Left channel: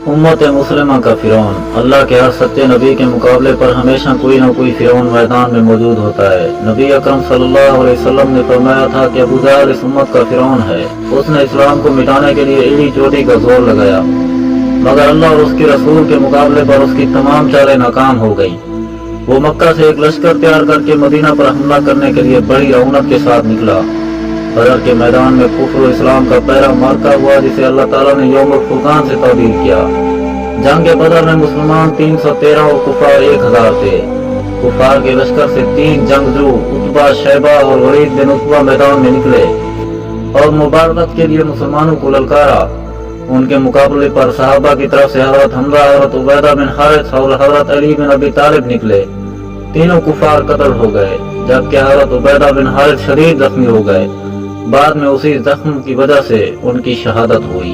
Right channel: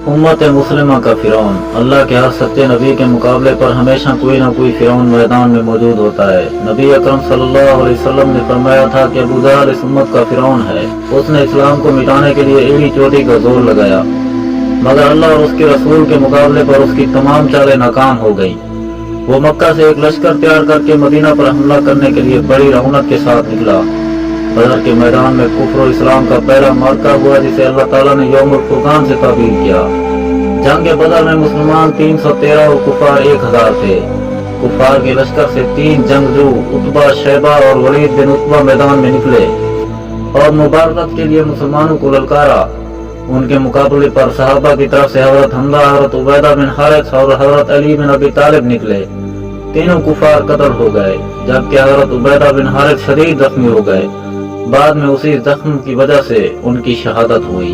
उम्मत मुस्लिमा का फिरौन। अल्लाह के हर सच्चे नबी के मुकाबले पर हमेशा कोई ना कोई फिरौन मैदान में मौजूद होता है। नबी अकरम सल्लल्लाहु अलैहि वसल्लम ने फरमाया था कि अबू जहल इस उम्मत का फिरौन है। उसने इस्लाम को मिटाने के लिए एड़ी चोटी का जोर लगाया, मगर अल्लाह और उसके रसूल के मुकाबले पर उसकी तमाम चालें नाकाम हो गई। वो मक्का से एक लश्कर तैयार करके मदीना पर हमला करने के लिए बड़ी रौनक के साथ निकला। बदर के मैदान में कुफ्र इस्लाम का पहला मार्का हुआ, जिसे अल्लाह ताला ने यौमुल फुरकान से ताबीर किया। जंग बदर में मुसलमान 313 और कुफार 1000 थे। कुफार के लश्कर से 3 जंगजू उतबा, शैबा और वलीद बिन उतबा मैदान में निकले और मुबारकत के लिए मुसलमानों को ललकारा। उनके मुकाबले पर सहाबा की तरफ से हजरत हमजा, हजरत उबैदा बिन हारिस और हजरत अली बिन अबी तालिब निकले। तीनों कुफार कत्ल हो गए, जबकि हजरत उबैदा बिन हारिस शदीद जख्मी हो गए। बाद में उसी जख्म की वजह से उनकी शहादत हुई।